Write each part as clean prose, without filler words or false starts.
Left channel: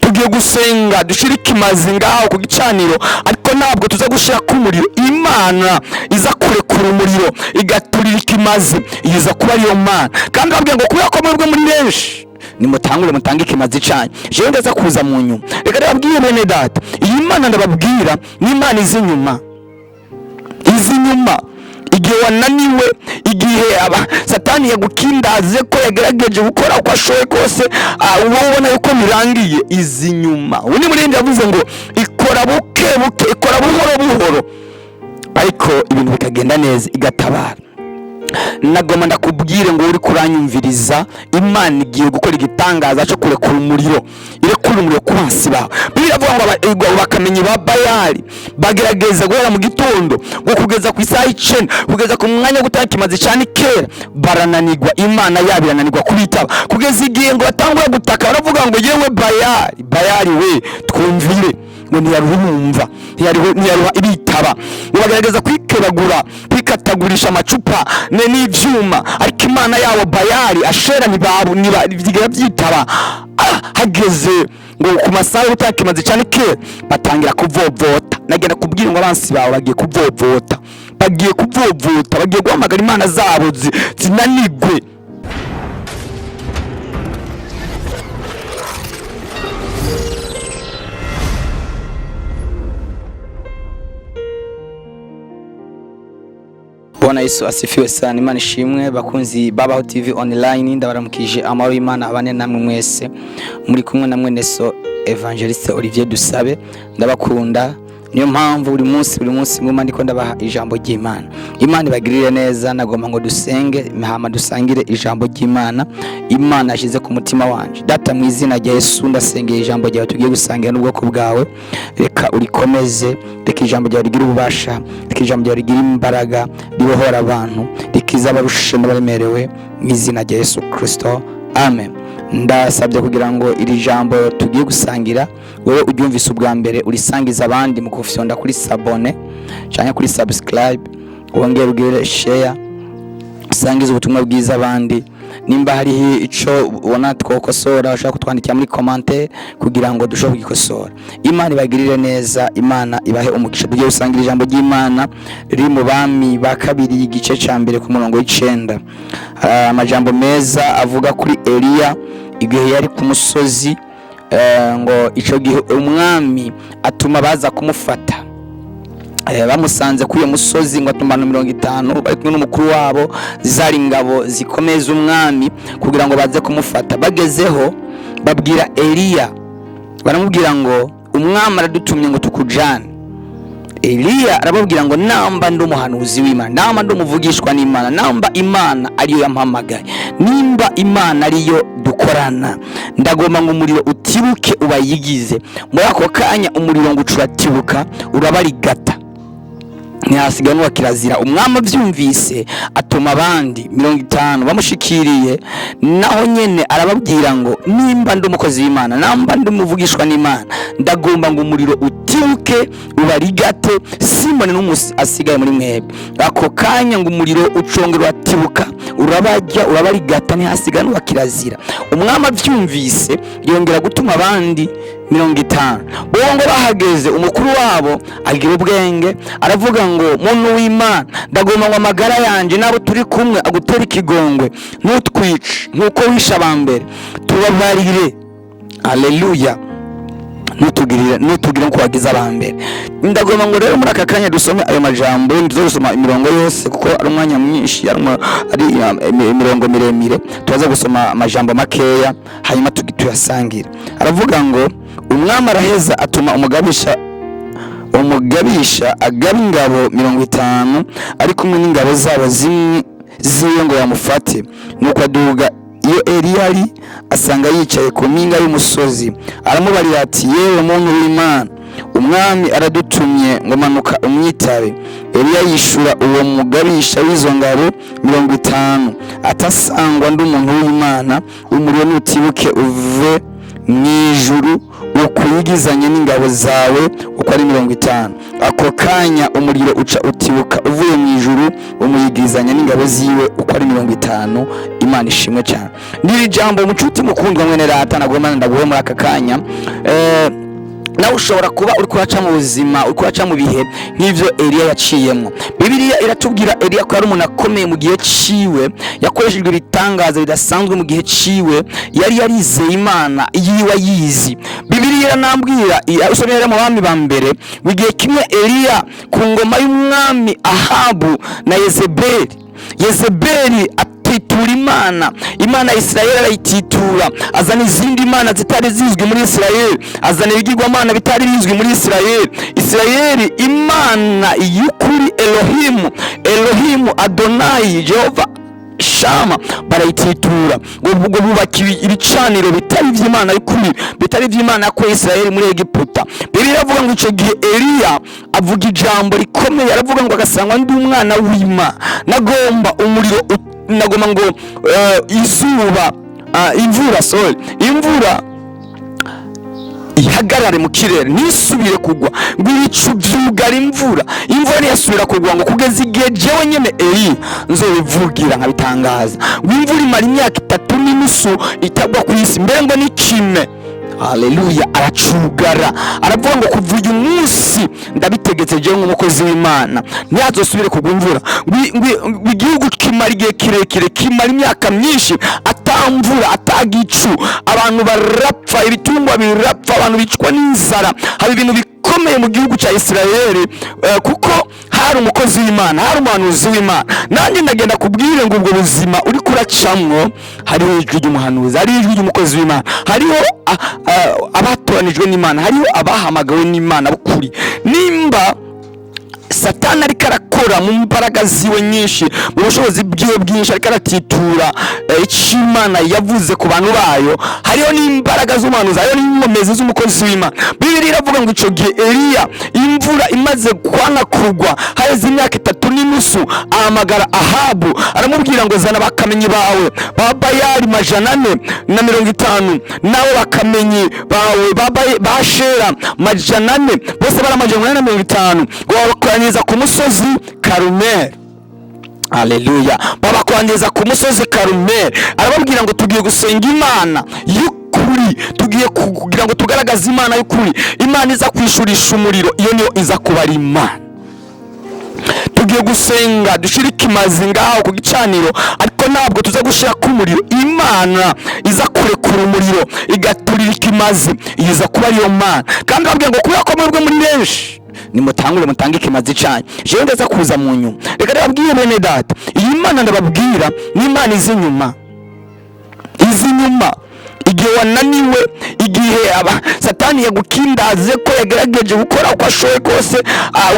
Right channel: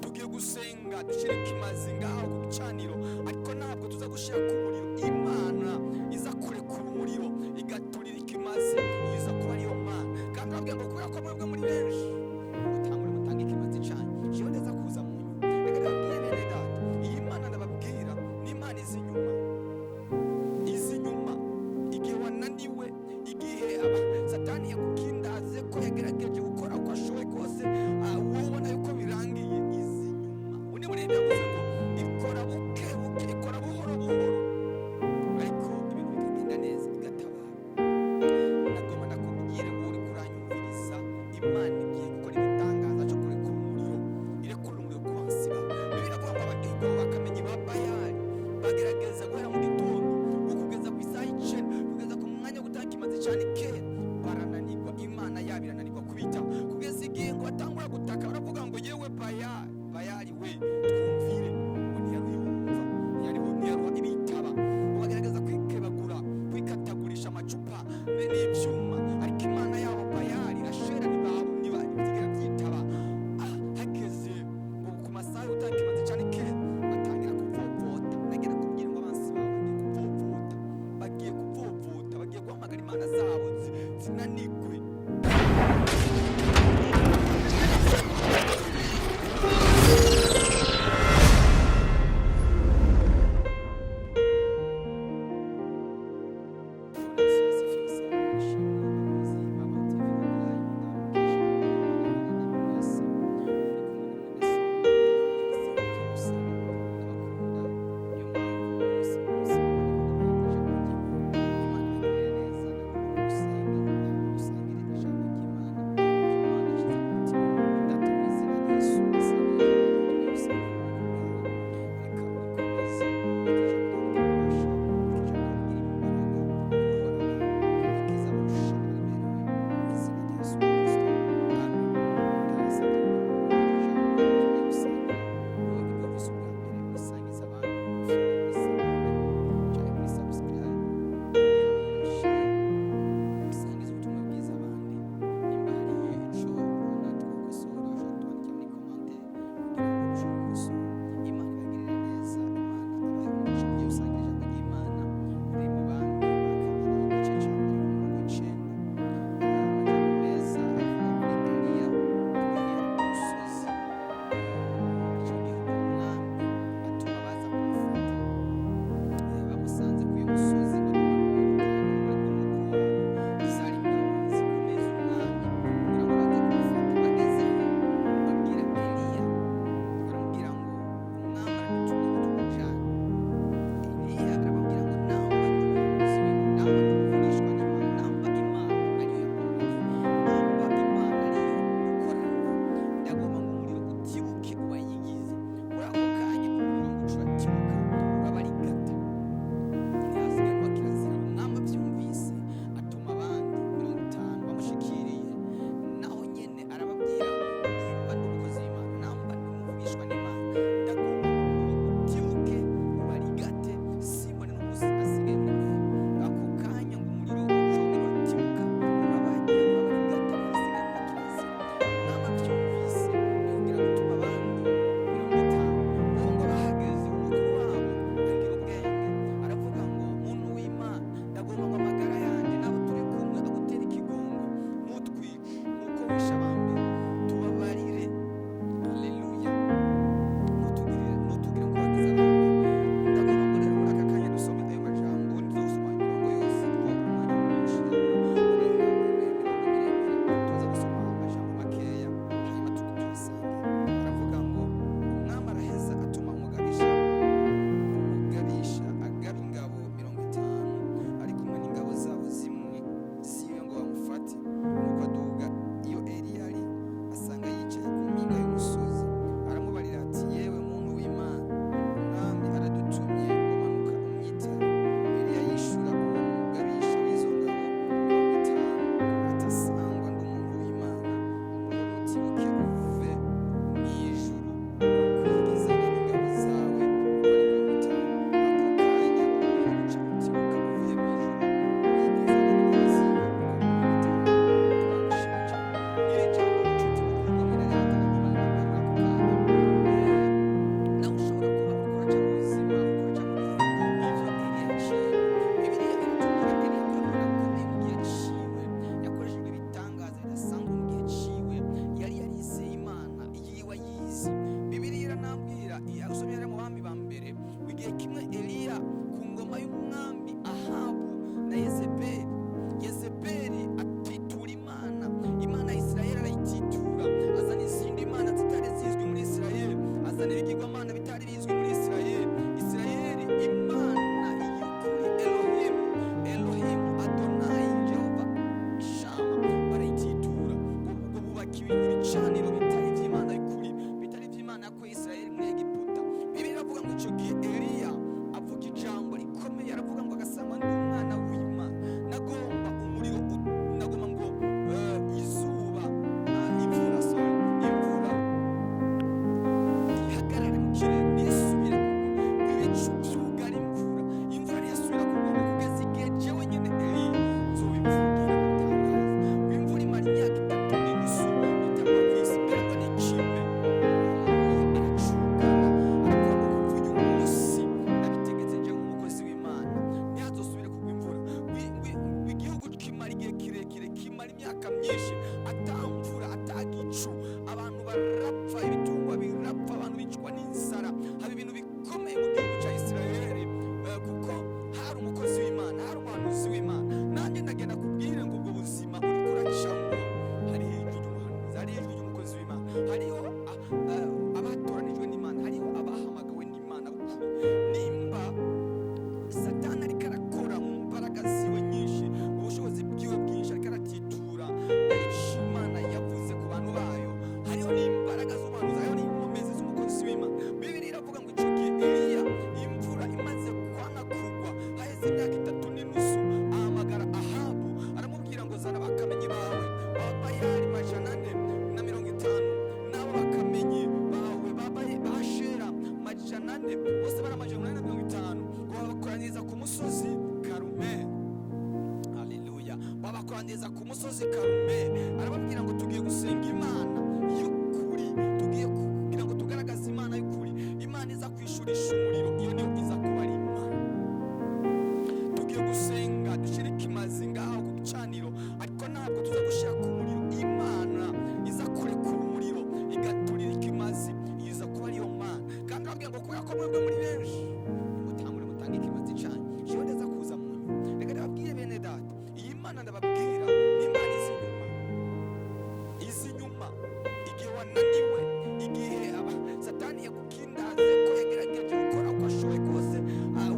tugiye gusenga dushirike imazi ngaho ku gicaniro, ariko ntabwo tuza gushira ku muriro. Imana iza kurekura umuriro igaturika imazi, iza kuba ariyo Mana. Kandi babwiye ngo kubera ko mwebwe muri benshi nimutangure mutange ikimazi cyanyu, jewe ndaza kuza mu nyuma. Reka ndababwire bene data, iyi Mana ndababwira ni Imana izi nyuma, igihe wananiwe, igihe Satani yagukindaze ko yagerageje gukora uko ashoboye kose, wowe ubona yuko birangiye, izi nyuma. Ubu ni Muririmbyi yavuze ngo ikora buke buke, ikora buhoro buhoro, ariko ibintu bikagenda neza, igatabara. Nagoma ndakubwire ngo uri kuranyumviriza, Imana igiye gukora igitangaza cyo kurekura umuriro, irekura umuriro ku bansi bawe. Bibiliya ivuga ngo bakamenye ba Bayali bagerageza guhera mu gitondo ngo kugeza ku isaha 9 kugeza ku mwanya gutanga ikimazi cyane kera, barananirwa. Imana yabo irananirwa kubitaba, kugeza igihe ngo batangura gutaka, baravuga ngo yewe Bayali we twumvire, ngo ntiyarumva, ntiyaruha ibitaba. Ngo bagerageza kwikebagura, kwikatagurisha amacupa n'ivyuma, ariko Imana yabo Bayali Ashera ntibigera byitaba. Hageze ngo ku masaha y'utakimaze cyane kera batangira kuvovota. Nagenda kubwira ngo abansi bawe bagiye kuvovota, bagiye guhamagara Imana zabo zinanigwe. Bwana Yesu asifiwe sana. Imana ishimwe. Bakunzi Babaho TV online, ndabaramukije amahoro y'Imana abane namwe mwese. Muri kumwe na mwene so Evangeliste Olivier Dusabe. Ndabakunda, niyo mpamvu buri munsi ngoma ndiko ndabaha ijambo ry'Imana. Imana ibagirire neza. Nagomba ngo dusenge hama dusangire ijambo ry'Imana Imana yashize ku mutima wanje. Data, mu izina rya Yesu ndasengeye ijambo ryawe tugiye gusangira n'ubwoko bwawe. Reka urikomeze, reka ijambo ryawe rigira ububasha, reka ijambo ryawe rigira imbaraga, ribohora abantu, rikiza abarushe n'abaremerewe, mu izina rya Yesu Kristo, amen. Ndasabye kugira ngo iri jambo tugiye gusangira wowe uryumvise ubwa mbere urisangiza abandi mu kufyonda kuri sabone cyangwa kuri subscribe, wongere ugire share, usangize ubutumwa bwiza abandi. Nimba hari ico ubona twokosora, ushaka kutwandikira muri commentaire kugira ngo dushobore kugikosora. Imana ibagirire neza, Imana ibahe umugisha. Tugiye gusangira ijambo ry'Imana riri mu Bami ba kabiri igice ca mbere ku murongo w'9. Amajambo meza avuga kuri Eliya igihe yari ku musozi, ngo ico gihe umwami atuma baza kumufata. Bamusanze kuri uyo musozi ngo atumana 50 bari kumwe n'umukuru wabo, zari ingabo zikomeza umwami kugira ngo baze kumufata. Bagezeho babwira Eliya, baramubwira ngo umwami aradutumye ngo tukujane. Eliya arababwira ngo namba ndi umuhanuzi w'Imana, namba ndi umuvugishwa n'Imana, namba Imana ariyo yampamagaye, nimba Imana ariyo dukorana, ndagomba ngo umuriro utibuke ubayigize. Muri ako kanya umuriro ngo ucuratibuka urabarigata, ntihasigaye n'uwa kirazira. Umwami abyumvise atuma abandi 50 bamushikiriye, naho nyene arababwira ngo nimba ndi umukozi w'Imana, namba ndi umuvugishwa n'Imana, ndagomba ngo umuriro utibuke ubarigate, Simoni n'umusi asigaye muri mwebwe. Ako kanya ngo umuriro ucongera uratibuka urabajya urabarigata, ntihasigaye n'uwa kirazira. Umwami abyumvise yongera gutuma abandi 50. Uwo ngo bahageze umukuru wabo agira ubwenge, aravuga ngo muntu w'Imana, ndagomba ngo amagara yanje nabo turi kumwe agutera ikigongwe, ntutwice nkuko wisha abambere, tubabarire. Haleluya. Nutugire nko wagize abambere. Ndagomba ngo rero muri aka kanya dusome ayo majambo, ndizosoma imirongo yose kuko ari umwanya mwinshi, ari imirongo miremire. Tubaza gusoma amajambo makeya hanyuma tuyasangira. Aravuga ngo umwami araheza atuma umugabisha agaba ingabo 50 ari kumwe n'ingabo zabo ziyo ngo yamufate. Nuko aduga iyo Eliya ari asanga yicaye ku mpinga y'umusozi, aramubarira ati yewe muntu w'Imana, umwami aradutumye ngo manuka umwitabe. Eliya yishura uwo mugabisha w'izo ngabo 50 atasangwa ndi umuntu w'Imana, umuriro nutibuke uve mwijuru ukuyigizanye n'ingabo zawe uko ari 50. Ako kanya umuriro uca utibuka uvuye mwijuru umuyigizanya n'ingabo ziwe uko ari 50. Imana ishimwe cyane. Niri jambo mucuti mukundwa mwene rata nagomana ndaguhe muri aka kanya. Nawe ushobora kuba uri kuraca mu buzima, uri kuraca mu bihe nk'ivyo Eliya yaciyemo. Bibiliya iratubwira Eliya ko ari umuntu akomeye mu gihe ciwe, yakoreshejwe ibitangaza bidasanzwe mu gihe ciwe, yari yarizeye Imana yiwe yizi. Bibiliya iranambwira usomera mu bami ba mbere mu gihe kimwe Eliya ku ngoma y'umwami Ahabu na Yezebeli atitura Imana ya Isirayeli arayititura, azana izindi mana zitari zizwi muri Isirayeli, azana ibigirwamana bitari bizwi muri Isirayeli. Imana y'ukuri Elohimu Adonai Jehova Shama barayititura, ngo bubaka ibicaniro bitari iby'Imana y'ukuri, bitari iby'Imana yakoye Isirayeli muri Egiputa. Bibiliya iravuga ngo icyo gihe Eliya avuga ijambo rikomeye, aravuga ngo agasangwa ndi umwana w'Imana, nagomba umuriro, nagomba ngo imvura ihagarare mu kirere nisubire kugwa, ngo ibicu byugara imvura ntiyasubira kugwa, ngo kugeza igihe jewe nyene Eliya nzobivugira nkabitangaza, ngo imvura imara imyaka 3.5 itagwa ku isi, mbere ngo n'ikime. Haleluya. Aracugara, aravuga ngo kuva uyu munsi ndabitegetse jewe nk'umukozi w'Imana ntiyazosubire kugwa imvura. Igihugu kimara igihe kirekire, kimara imyaka myinshi atamvura, atagicu, abantu barapfa, ibitungwa birapfa, abantu bicwa n'inzara. Haba ibintu bikomeye mu gihugu cya Isirayeli kuko hari umukozi w'Imana, hari umuhanuzi w'Imana. Nanjye ndagenda kubwire ngo ubwo buzima uri kuracamwo hariho ijwi ry'umuhanuzi, hariho ijwi ry'umukozi w'Imana, hariho abatoranijwe n'Imana, hariho abahamagawe n'Imana bukuri. Nimba Satani ariko arakora mu mbaraga ziwe nyinshi, mu bushobozi bwiwe bwinshi, ariko aratitura icyo Imana yavuze ku bantu bayo, hariho n'imbaraga z'umuhanuzi, hariho n'inkomezi z'umukozi w'Imana. Bibiliya iravuga ngo icyo gihe Eliya imvura imaze kwana kugwa haheze imyaka 3.5, ahamagara Ahabu aramubwira ngo zana bakamenyi bawe ba Bayali 450, nawe bakamenyi bawe ba Shera 400, bose bari 450, ngo babakoranyiriza ku musozi Karumeli. Haleluya. Babakoranyiriza ku musozi Karumeli, arababwira ngo tugiye gusenga Imana y'ukuri, tugiye kugira ngo tugaragaze Imana y'ukuri, Imana iza kwishurisha umuriro, iyo niyo iza kubara Imana. Tugiye gusenga dushira ikimazi ngaho ku gicaniro, ariko ntabwo tuza gushira ku muriro. Imana iza kurekura umuriro igaturira ikimazi, iza kuba ariyo Mana. Kandi ababwira ngo kubera ko mwebwe muri benshi nimutangure mutange ikimazi cyanyu, jewe ndaza kuza mu nyuma. Reka ndababwire bene data, iyi Mana ndababwira ni Imana izi nyuma. Igihe wananiwe, igihe Satani yagukindaze ko yagerageje gukora uko ashoboye kose,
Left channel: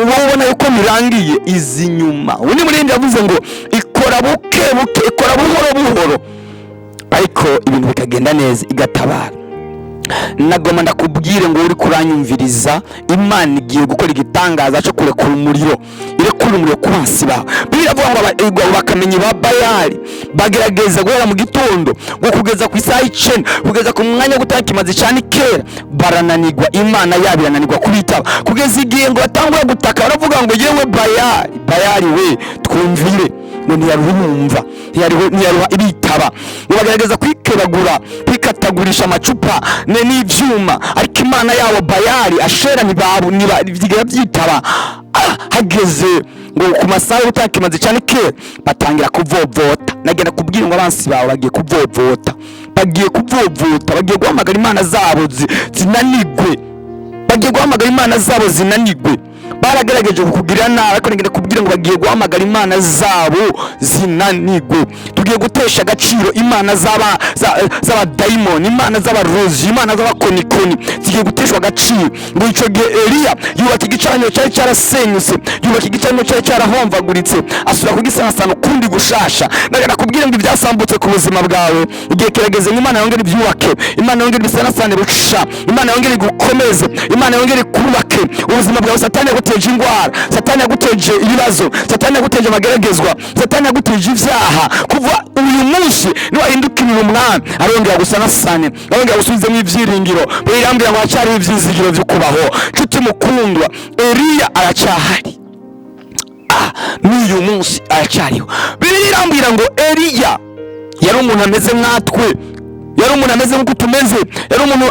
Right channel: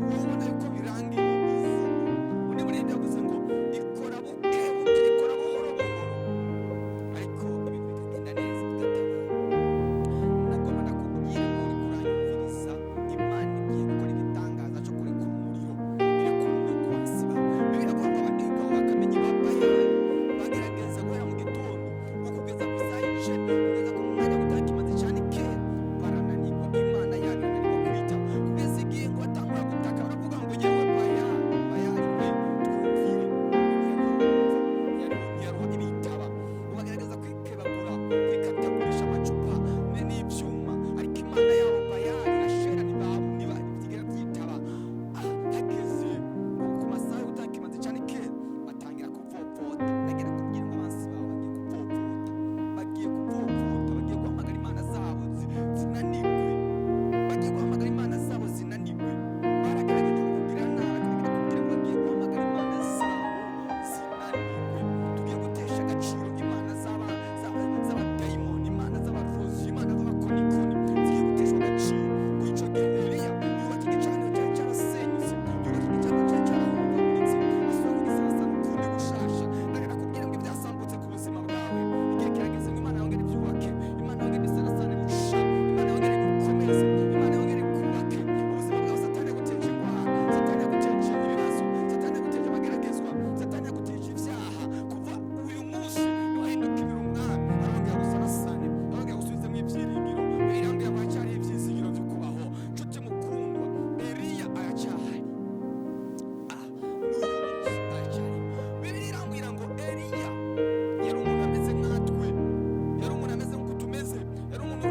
uba ubona yuko birangiye, izi nyuma. Undi murindi yavuze ngo ikora buke buke, ikora buhoro, ariko ibintu bikagenda neza, igatabara. Nagoma ndakubwire ngo uri kuranyumviriza, Imana igiye gukora igitangaza cyo kurekura umuriro, irekura umuriro ku basi bawe. Biravuga ngo bakamenyi ba Bayali bagerageza guhera mu gitondo ngo kugeza ku isaha 9, kugeza ku mwanya gutanga ikimazi cyane kera, barananirwa. Imana yabo irananirwa kubitaba, kugeza igihe ngo batangura gutaka, baravuga ngo yewe Bayali we twumvire, ngo ntiyarumva, ntiyaruha ibitaba. Bagerageza kwikebagura, kwikatagurisha amacupa n'ivyuma, ariko Imana yabo Bayali Ashera ntibigira byitaba. Hageze ngo ku masaha y'utaka ikimazi cyane kera, batangira kuvovota. Nagenda kubwira ngo abansi bawe bagiye kuvovota, bagiye guhamagara Imana zabo zinanigwe, baragerageje kukugira nabi, ariko ngenda kubwira ngo bagiye guhamagara Imana zabo zinanigwe. Tugiye gutesha agaciro Imana z'abadayimoni, Imana z'abarozi, Imana z'abakonikoni, zigiye guteshwa agaciro. Ngo icyo gihe Eliya yubaka igicaniro cyari cyarasenyutse, yubaka igicaniro cyari cyarahomvaguritse, asubira kugisanasana ukundi kundi gushasha. Ndagana kubwira ngo ibyasambutse ku buzima bwawe igihe kirageze ngo Imana yongere ibyubake, Imana yongere bisanasane busha, Imana yongere gukomeze, Imana yongere kubake ubuzima bwawe. Satani yaguteje indwara, Satani yaguteje ibibazo, Satani yaguteje amageragezwa, Satani yaguteje ivyaha. Kuva uyu munsi niwahindukirira umwami arongera gusanasane, arongera gusubizemo ibyiringiro. Birambira ngo haracyari ivyizigiro vyo kubaho. Nshuti mukundwa, Eliya aracyahari, n'uyu munsi aracyariho. Bibiliya irambwira ngo Eliya yari umuntu ameze nkatwe, yari umuntu ameze nk'uko tumeze, yari umuntu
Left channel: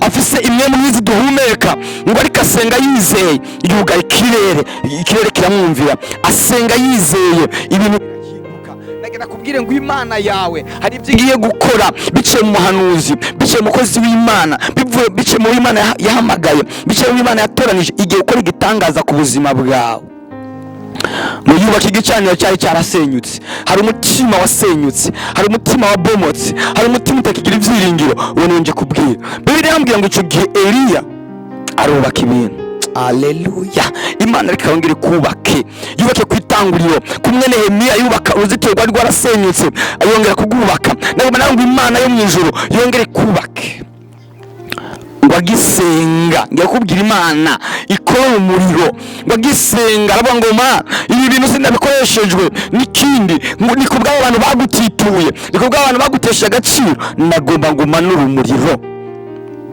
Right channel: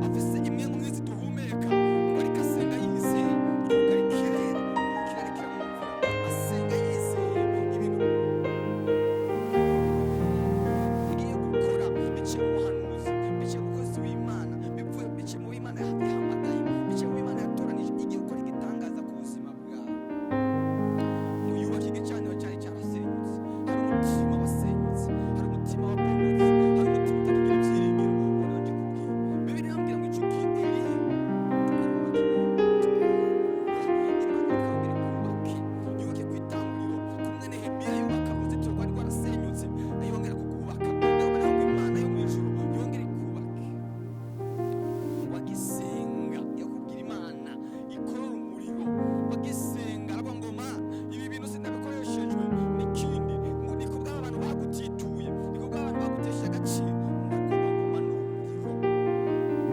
afise imwe mu mizi duhumeka, ngo ariko asenga yizeye, yuga ikirere kiramwumvira, asenga yizeye ibintu bihinduka. Ndagenda kubwire ngo Imana yawe hari ibyo igiye gukora biciye mu muhanuzi, biciye mu mukozi w'Imana, biciye mu Imana yahamagaye, biciye mu Imana yatoranije, igiye gukora igitangaza ku buzima bwawe. Muyubaka igicaniro cyari cyarasenyutse, hari umutima wasenyutse, hari umutima wabomotse, hari umutima utakigira ibyiringiro. Uwo nje kubwira, Bibiliya irambwira ngo icyo gihe Eliya arubaka ibintu. Aleluya. Imana reka yongere kubake, yubake ku itanguriro. Kumwe Nehemiya yubaka uruzitiro rwari rwarasenyutse, ayongera kugubaka. Ngo Imana yo mu ijuru yongere kubake. Wagisenga ngiye kubwira Imana ikora umuriro, wagisenga aravuga ngo ma ibi bintu sindabikoresheje n'ikindi, ni kubwa abantu bagutituye, ni kubwa abantu bagutesha agaciro. Nagomba ngo manura umuriro,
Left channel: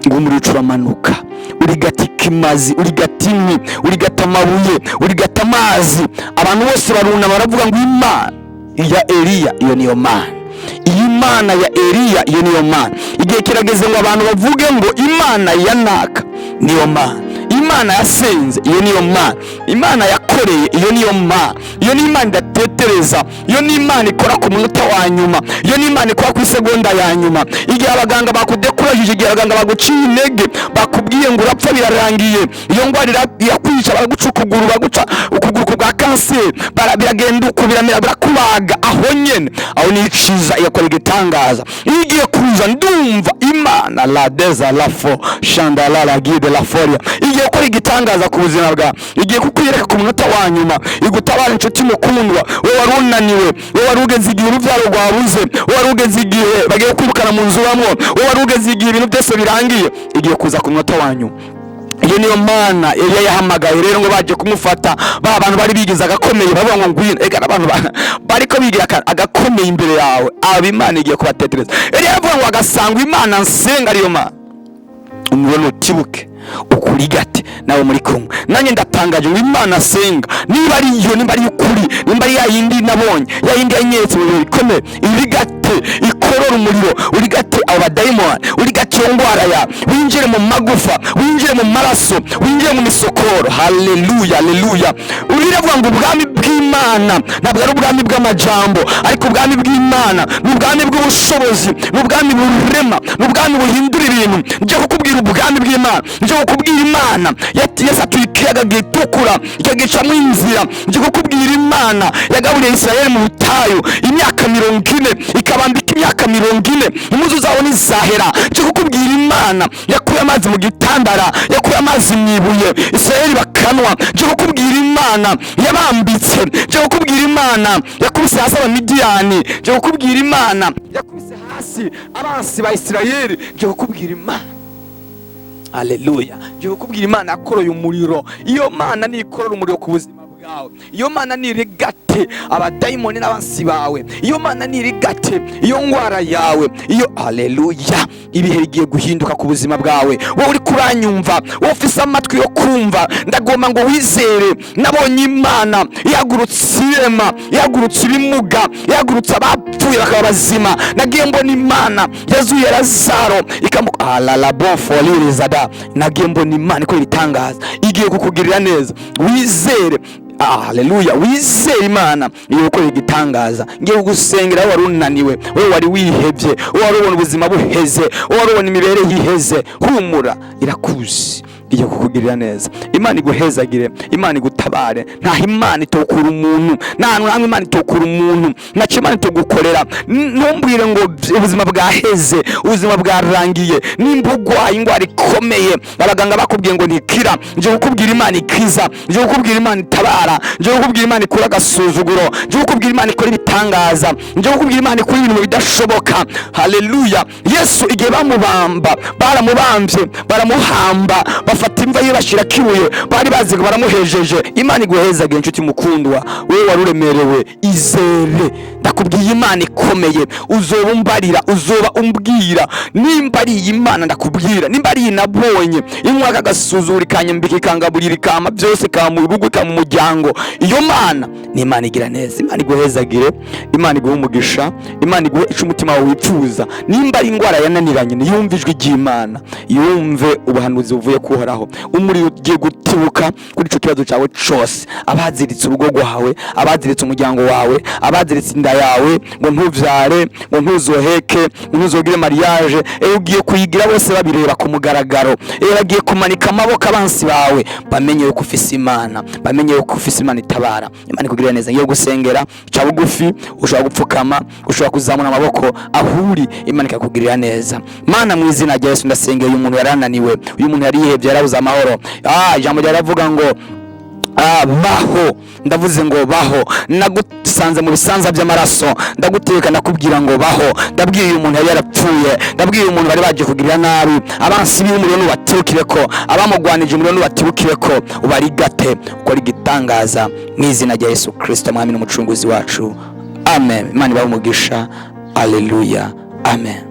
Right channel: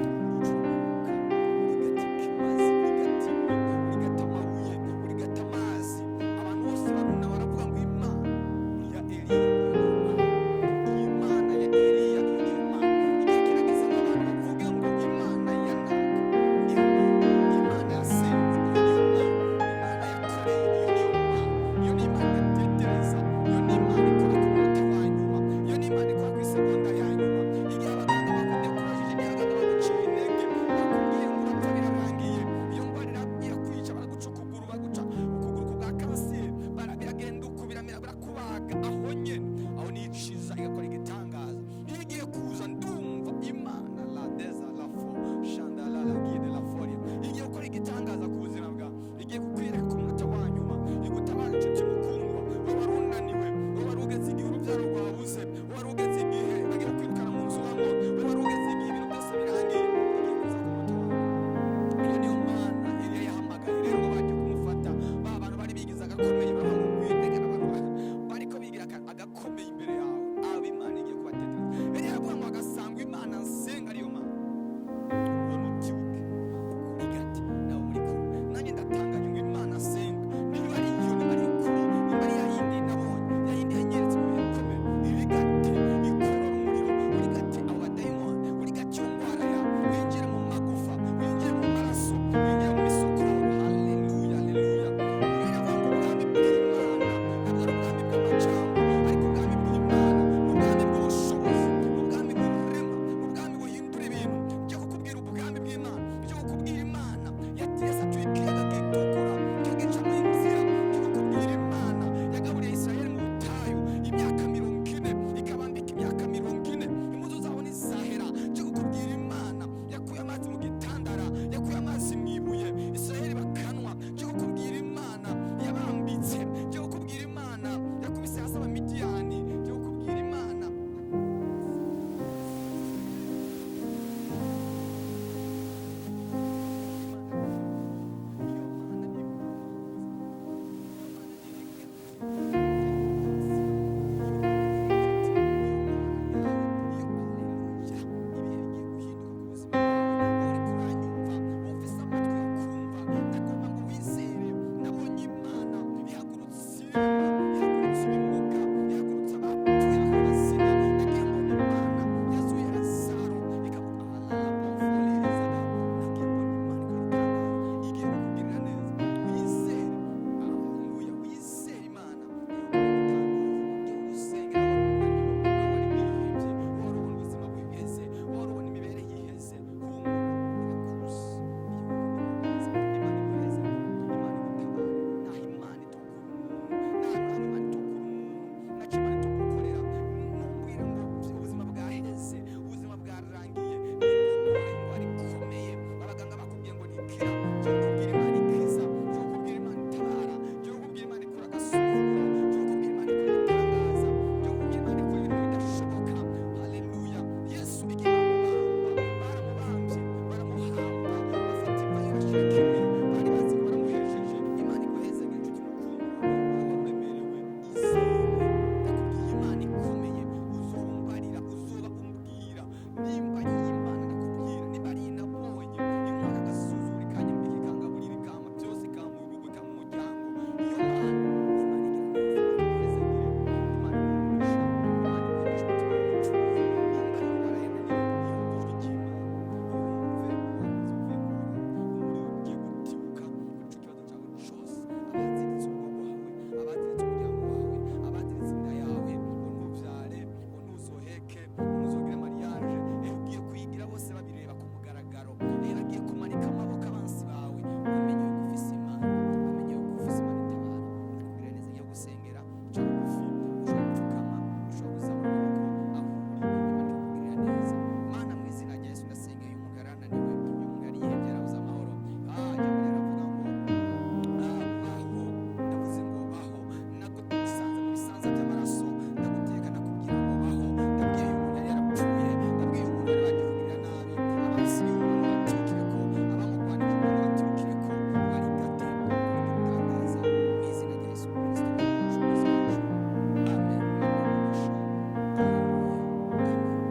ngo umuriro uramanuka, urigata ikimazi, urigata inkwi, urigata amabuye, urigata amazi. Abantu bose barunama baravuga ngo Imana ya Eliya iyo niyo Mana, Imana ya Eliya iyo niyo Mana. Igihe kirageze ngo abantu bavuge ngo Imana ya naka niyo Mana, Imana yasenze iyo niyo Mana, Imana yakoreye iyo niyo Mana. Iyo ni Imana idatetereza, iyo ni Imana ikora ku munota wa nyuma, iyo ni Imana ikora ku isegonda ya nyuma. Igihe abaganga bakudekurajije, igihe abaganga baguciye intege, bakubwiye ngo urapfa birarangiye, iyo ndwara yakwica, baraguca ukuguru, baguca ukuguru kwa kanseri, biragenda uko biramera, birakubaga aho nyene, aho niciza igakora igitangaza. Igiye kuza ndumva Imana la deza la fo chandala la guide la folia, igiye gukora igitangaza ku buzima bwawe, igiye kukwireka ku munota wa nyuma, igutabara inshuti mukundwa. Wowe warunaniwe, wowe warugeze igihe urubyaro rwabuze, wowe warugeze igihe bagiye kwirukana mu nzu bamwo, wowe warugeze igihe ibintu byose birangiye, igiye kuza ku munota wa nyuma. Iyo niyo Mana Eliya yahamagaye. Rero ngo baje kumufata, ba abantu bari bigize agakomeye, bavuga ngo ngwino, ega abantu bariko bigira agakomeye imbere yawe, aba Imana igiye kubatetereza. Eliya yavuga ngo agasanga Imana nsenga ariyo Mana, umubona utibuke ukurigate nawe muri kumwe nanjye. Ndatangaje ngo Imana senga, niba ari iyo, niba ari ukuri, niba ari yayindi nabonye, yayindi yanyetse mu bikomeye, irigate ikorora umuriro, urigate abo badayimoni, urigate iyo ndwara ya, winjire mu magufa, winjire mu maraso, winjire mu misokoro. Haleluya, haleluya. Uravuga ngo ubwami bw'Imana ntabwo ari ubwami bw'amajambo, ariko ubwami bw'Imana ni ubwami bw'ubushobozi, ni ubwami burema, ni ubwami buhindura ibintu. Nje kukubwira ubwami bw'Imana, nje kukubwira Imana yasatuye ikiyaga gitukura ikagicamo inzira. Nje kukubwira Imana yagaburiye Isirayeli mu butayu imyaka 40, ikabambika imyaka 40, impuzu zabo ntizahera. Nje kukubwira Imana yakuye amazi mu gitandara, yakuye amazi mu ibuye, Isirayeli bakanwa. Nje kukubwira Imana yabambitse, nje kukubwira Imana yakubise hasi Abamidiyani, nje kukubwira Imana yakubise hasi abansi ba Isirayeli. Nje kukubwira Imana, haleluya, nje kukubwira Imana yakoroye umuriro. Iyo Mana nikorora umuriro ku buzima bwawe, iyo Mana nirigate abadayimoni n'abansi bawe, iyo Mana nirigate iyo ndwara yawe, iyo haleluya. Ibihe bigiye guhinduka ku buzima bwawe. Wowe uri kuranyumva, wowe ufise amatwi yo kumva, ndagomba ngo wizere. Nabonye Imana yagurutse irema, yagurutse ibimuga, yagurutse abapfuye bakaba bazima. Nagiye mbona Imana yazuye Lazaro la bon folie zada. Nagiye mbona Imana ikora ibitangaza, igiye kukugirira neza. Wizere, haleluya, wizere Imana iyo gukora igitangaza. Ngiye kugusengera wowe warunaniwe, wowe wari wihebye, wowe wari ubona ubuzima buheze, wowe wari ubona imibereho iheze. Humura, irakuzi, iyo kukugirira neza. Imana iguhezagire, Imana igutabare. Nta Imana itokura umuntu, nta Imana itokura umuntu, nta Imana itogukorera. Ntumbwire ngo ubuzima bwaheze, ubuzima bwarangiye, nimba urwaye indwara ikomeye abaganga bakubwiye ngo ntikira, nje kukubwira Imana ikiza, nje kukubwira Imana itabara, nje kukubwira Imana ikura agasuzuguro, nje kukubwira Imana ikora ibitangaza, nje kukubwira Imana ikora ibintu bidashoboka. Haleluya. Yesu igihe bamubamba, baramubambye, baramuhamba, bafata imva ye bashira kibuye, bari bazi ngo baramuhejeje. Imana iguhezagire inshuti mukundwa, wowe waruremerewe, izere. Ndakubwiye Imana ikomeye, uzoba umbarira, uzoba umbwira nimba ari iyi Imana. Ndakubwira nimba ari nabonye inkwaka gasuzura ikanyambika ikangaburira ikama byose kama mu rugo kama mu muryango, iyo Mana ni Imana igira neza. Imana iguhezagire, Imana iguhe umugisha, Imana iguhe ico umutima wawe wifuza. Nimba ari indwara yananiranye, niyumve ijwi ry'Imana, yumve ubuhanuzi buvuye kuhoraho. Umuriro ugiye gutibuka kuri ico kibazo cyawe cyose, abaziritse urugo rwawe, abaziritse umuryango wawe, abaziritse inda yawe, ngo ntuvyare, ngo ntuzoheke, ngo ntuzogire mariage, ugiye kuyigira bose babireba ku mugaragaro, bagiye kumanika amaboko abansi bawe, bamenye yuko ufise Imana, bamenye yuko ufise Imana itabara. Imana ikugirira neza. Ngiye gusengera, ca bugufi, ushobora gupfukama, ushobora kuzamura amaboko ahuri, Imana ikakugirira neza. Mana, mu izina rya Yesu ndasengera uyu muntu yarananiwe, uyu muntu yarihebye, yarabuze amahoro. Ijambo ryaravuga ngo baho, ndavuze ngo baho, nagusanze mu bisanza by'amaraso, ndaguteka ndakubwira ngo baho. Ndabwiye uyu muntu yari yarapfuye, ndabwiye uyu muntu bari bagiye kugira nabi, abansi b'umuriro nubaturukireko, abamugwanije umuriro nubaturukireko, ubarigate, ukora igitangaza mu izina rya Yesu Kristo, mwami n'umucunguzi wacu. Amen. Imana ibahe umugisha. Haleluya. Amen.